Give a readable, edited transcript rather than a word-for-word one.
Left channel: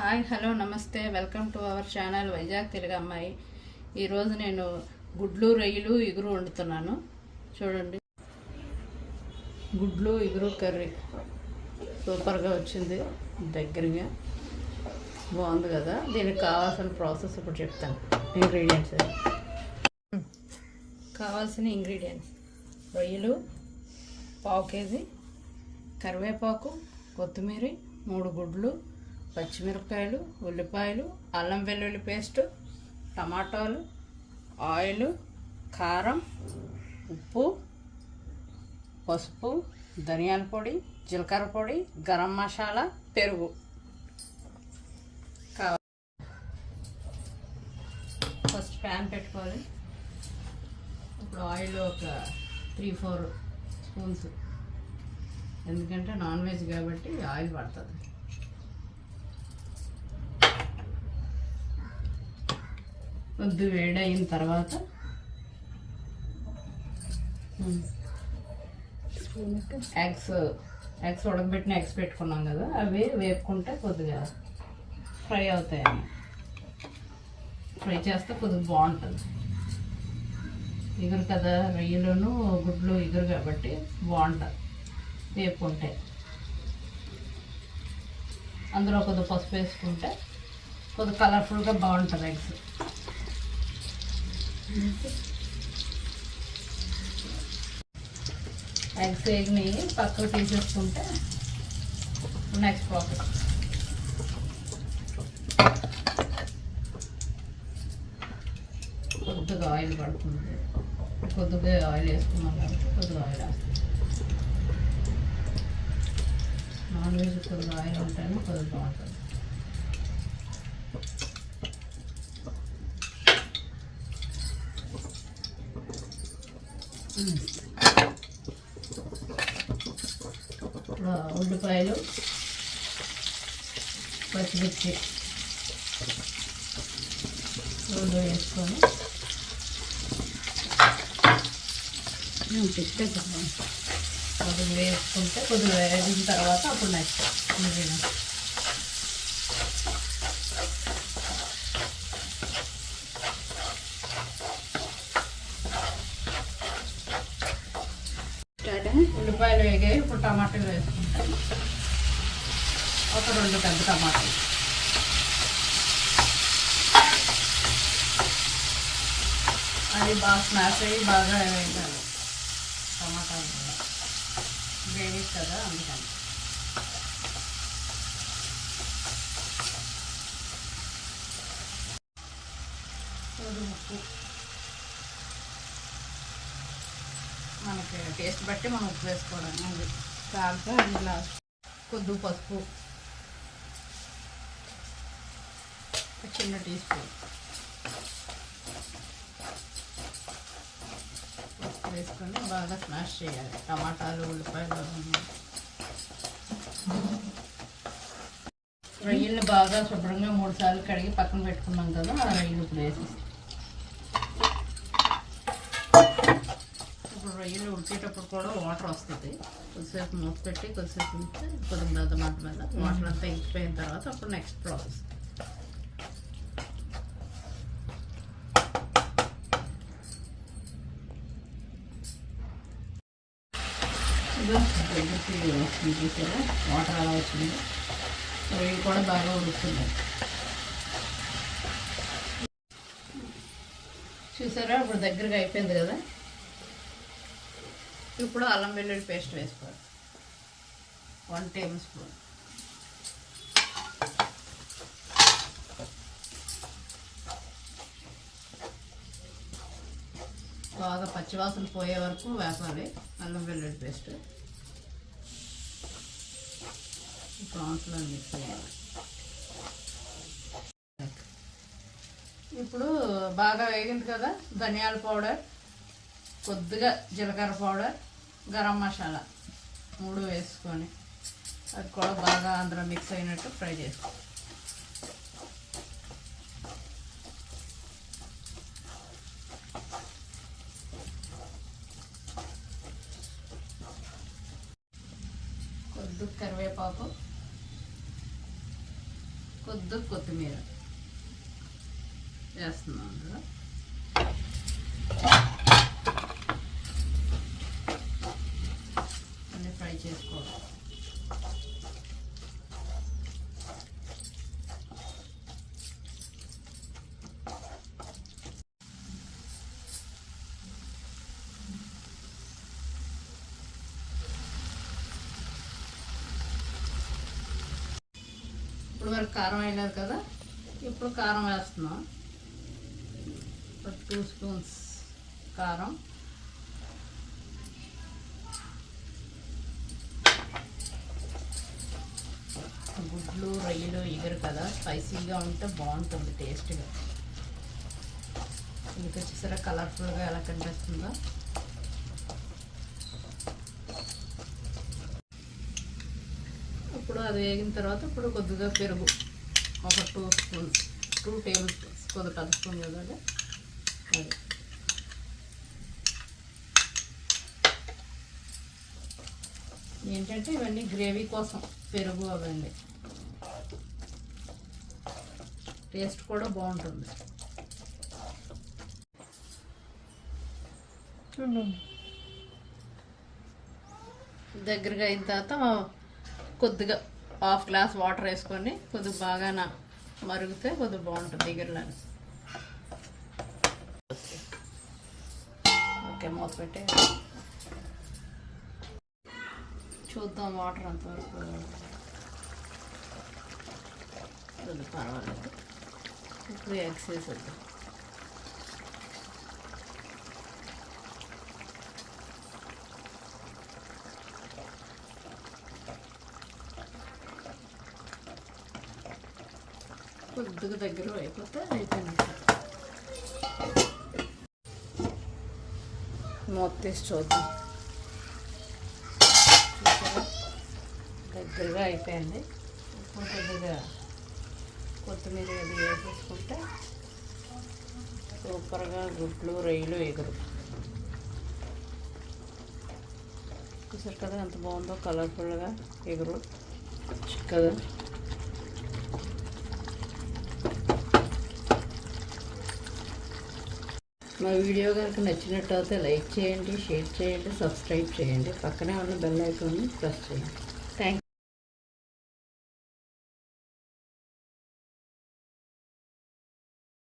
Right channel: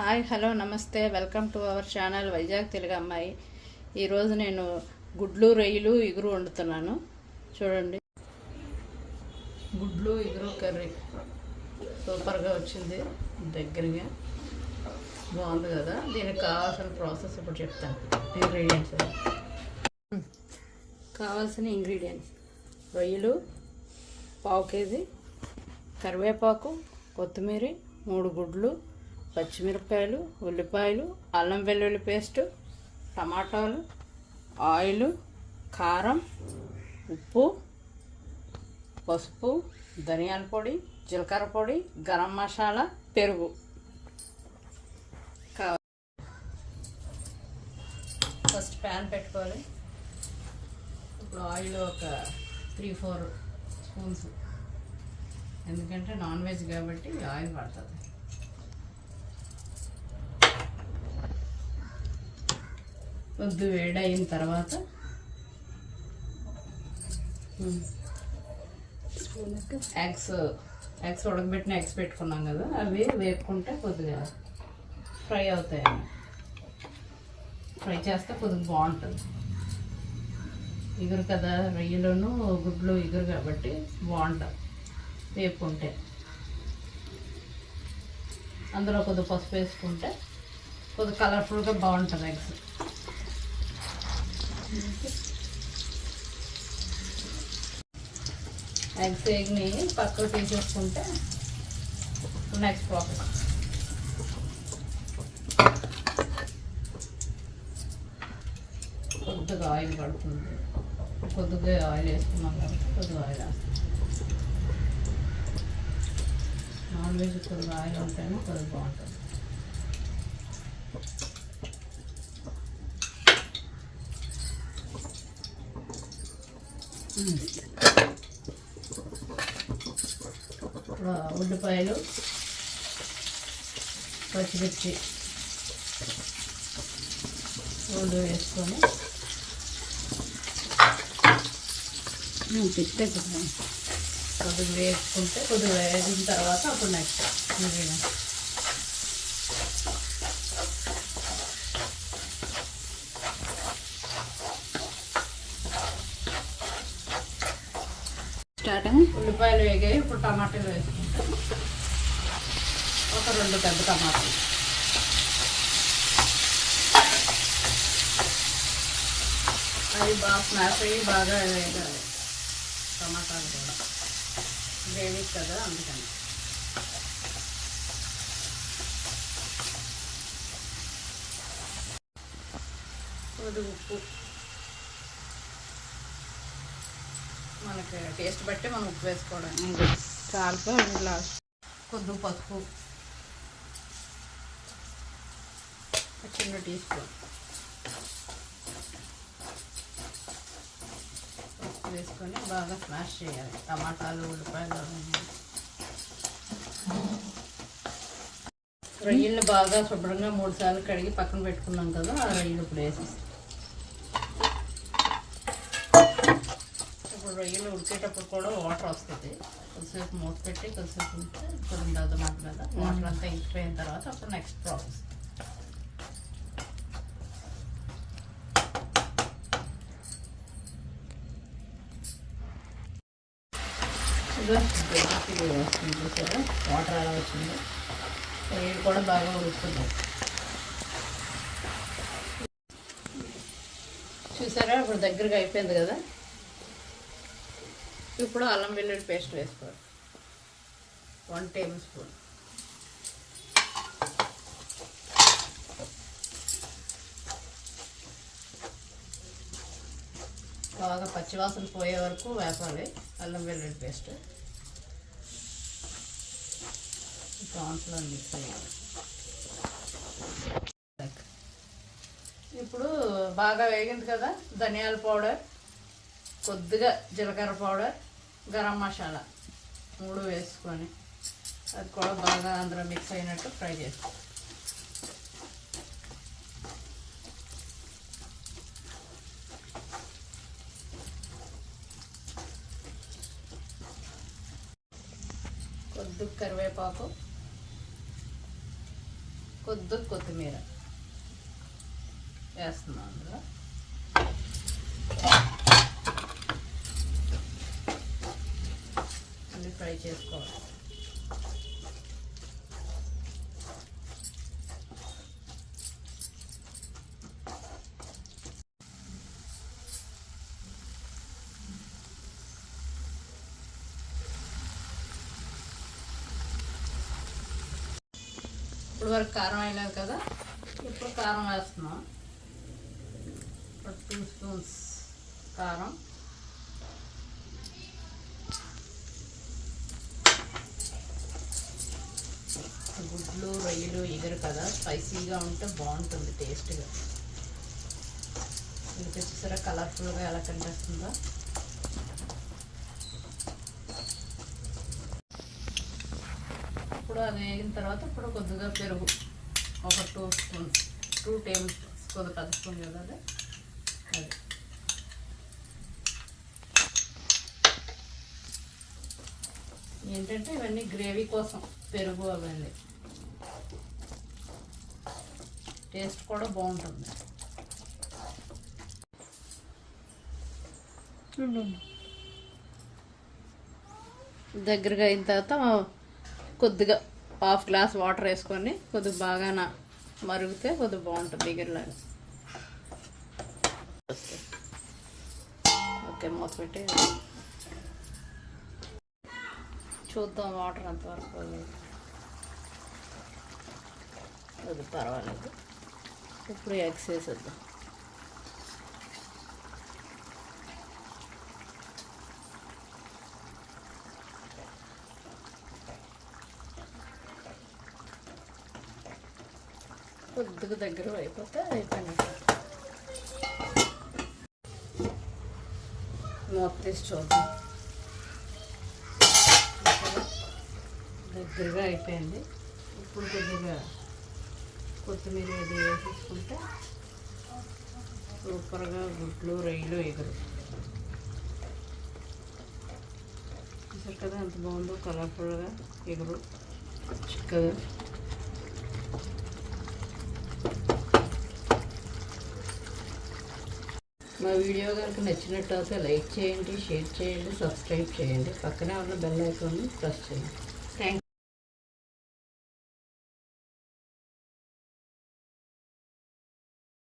Hi hello నమస్తే welcome to our channel Vizag Telugu అమ్మాయి. ఈరోజు నేను గుడ్లు రొయ్యలు ఇగురు వండుతున్నాను. చూడండి, గుడ్లు ఇగురు కర్రీ సూపర్గా వచ్చింది, దగ్గరగా బాగుంది కదా. దీనికి కావాల్సిన ప్రాసెస్ ఇప్పుడు చెప్తాను. కావాల్సిన ఇంగ్రీడియంట్స్: రొయ్యలు పావు కేజీ, కరివేపాకు, కొత్తిమీర, 3 గుడ్లు, పచ్చిమిరపకాయలు, ఉల్లిపాయలు, అల్లం వెల్లుల్లి పేస్టు, టమాటాలు, ఆయిల్, కారం, ఉప్పు, పసుపు, ధనియాల పొడి, జీలకర్ర పొడి, గరం మసాలా, పెరుగు. ఫస్ట్ ప్యాన్ పెట్టుకోవాలి. ఇప్పుడు ఆయిల్ ఒక 3-4 స్పూన్స్, ఎందుకంటే నాన్ వెజ్ కాబట్టి ఆయిల్ పడుతుంది. కొద్ది వేడి అయిన తర్వాత ఎగ్స్ ఉడకబెట్టిన ఎగ్స్ పెట్టుకున్నాం కదా, అవి వేపుకుంటే కొద్దిగా ఫ్రై అవుతాయి. ఫ్రై చేస్తే కొద్దిగా బాగుంటుంది. ఇగురు కదా, రొయ్యలను గుడ్లు ఇగురు కాబట్టి బాగుంటుంది వేపుకుంటే. అందులో కొద్దిగా పసుపు వేసుకుంటే కొద్దిగా కలర్ఫుల్గా బాగుంటుంది ఎగ్స్. ఎగ్స్ వేగిని పక్కకు తీసేసుకుంటే నెక్స్ట్ ప్రాసెస్. కొద్దిగా ఆయిల్ పడుతుంది, కొద్దిగా ఆయిల్ వేసుకున్నాం కాబట్టి కొద్దిగా ఆయిల్ వేస్తాం. నాన్ వెజ్ కొద్దిగా ఆయిల్ ఉంటేనే కొద్దిగా బాగుంటుంది. ఉల్లిపాయలు, పచ్చిమిర్చి రెండు వేసుకొని కొద్దిగా వేసుకుంటే కొద్దిగా వేగిన తర్వాత అప్పుడు నెక్స్ట్ ఉల్లిపాయలు వేగాయి. ఇప్పుడు టమాటాలు వేసుకుంటాను. ఒక 2 పెద్ద టమాటాలు, అవి బాగా స్మాష్ అయ్యి బాగా వేగాలి. టమాటాలు కూడా గ్రేవీ కదా, అందుకని ఉప్పు మనకి టేస్ట్ బట్టి మనం ఉప్పు వేసుకోవడం. కాల్తో ఇంట్లో కొద్దిగా పసుపు, చిన్న టీ స్పూన్ వేసుకొని బాగా స్మాష్ చేయాలి. టమాటాలు, ఉల్లిపాయలు, రొయ్యలు బాగా శుభ్రంగా 3 సార్లు కడిగి పక్కన పెట్టుకున్నాం కదా, ఆ రొయ్యలు ఇప్పుడు వేసేస్తాం. రొయ్యలు ఉడికేటప్పుడు కూడా వాటర్ వస్తుంది. కొద్దిసేపు మూత పెట్టి కొద్దిసేపు కొద్దిగా మాట మీద వాటర్ అంతా ఇంకిపోయిన తర్వాత అప్పుడు నెక్స్ట్ ప్రాసెస్. చూసారా వాటర్ అలా వచ్చింది. రొయ్యలు కూడా బాగా ఉడుకుతుంది. చూసారా ఇప్పుడు దగ్గరగా అయిపోయింది కదా. ఇప్పుడు అల్లం వెల్లుల్లి పేస్ట్ వేసుకోవాలి, 1 టేబుల్ స్పూన్. బాగా పచ్చివాసన పోయే వరకు వేపాలి అల్లం వెల్లుల్లి పేస్ట్. ప్రాన్స్లో మిక్స్ చేయాలి. ఇప్పుడు బాగా వేగింది కదా, ధనియాల పౌడర్, కొద్దిగా జీలకర్ర పౌడర్, గరం మసాలా 3 వేసుకొని అది కూడా బాగా అందులో మిక్స్ అయినట్టు ఫ్రై చేసుకో. కొద్దిగా కరివేపాకు, కొద్దిగా కొత్తిమీర వేస్తున్నాను అందులో. అన్నీ ఫ్రై చేసుకోవాలి. ఇప్పుడు వరకు కారం అయినది కదా, ఇప్పుడు కారం వేస్తున్నాం. 2 స్పూన్స్ కారం, గుడ్లు రొయ్యలు ఎగురు కదా, స్పైసీగా ఉంటే బాగుంటుంది టేస్ట్గా. ఇంకా వచ్చేసరి కలర్ఫుల్గా ఎలా కనిపిస్తుందో. ఇప్పుడు అది వేగిన తర్వాత ఇప్పుడు కొద్దిగా పెరుగు ఒక 2 స్పూన్స్, 2 టేబుల్ స్పూన్స్, కొద్దిగా కలుపుతుంది కదా అది. ఏంటంటే ఇవన్నీ గ్రేవీ కోసం పెరుగు అవన్నీ టేస్ట్ కూడా బాగుంటుంది. దగ్గరగా అయిన తర్వాత కొద్దిగా 1/2 గ్లాస్ వాటర్ వేసుకొని కొద్దిగా బాగా మరిగితే కొద్దిగా బాగుంటుంది దగ్గరలాగా. ఓకే, మూత పెట్టి చూద్దాం వాటర్ అంతవరకు. అది పర్వాలేదు. ఇప్పుడు ఎగ్స్ వేసేద్దాం. కొద్దిగా దగ్గర అయిపోతే అయిపోయినట్టు. మూత తీసి చూద్దాం. దగ్గరగా అయిపోయింది. ఇప్పుడు కొద్దిగా కొత్తిమీర అది వేసేసుకుంటే సూపర్గా గుడ్లు రొయ్యలు ఎగురు. చూసారు కదా ఎంత బాగుందో, కలర్ఫుల్గా ఎగురు కదా. మా వీడియో కనుక నచ్చినట్లయితే లైక్ చేయండి, షేర్ చేయండి, సబ్స్క్రైబ్ చేయండి. పక్కనే ఉన్న బెల్ ఐకాన్ని ప్రెస్ చేయండి.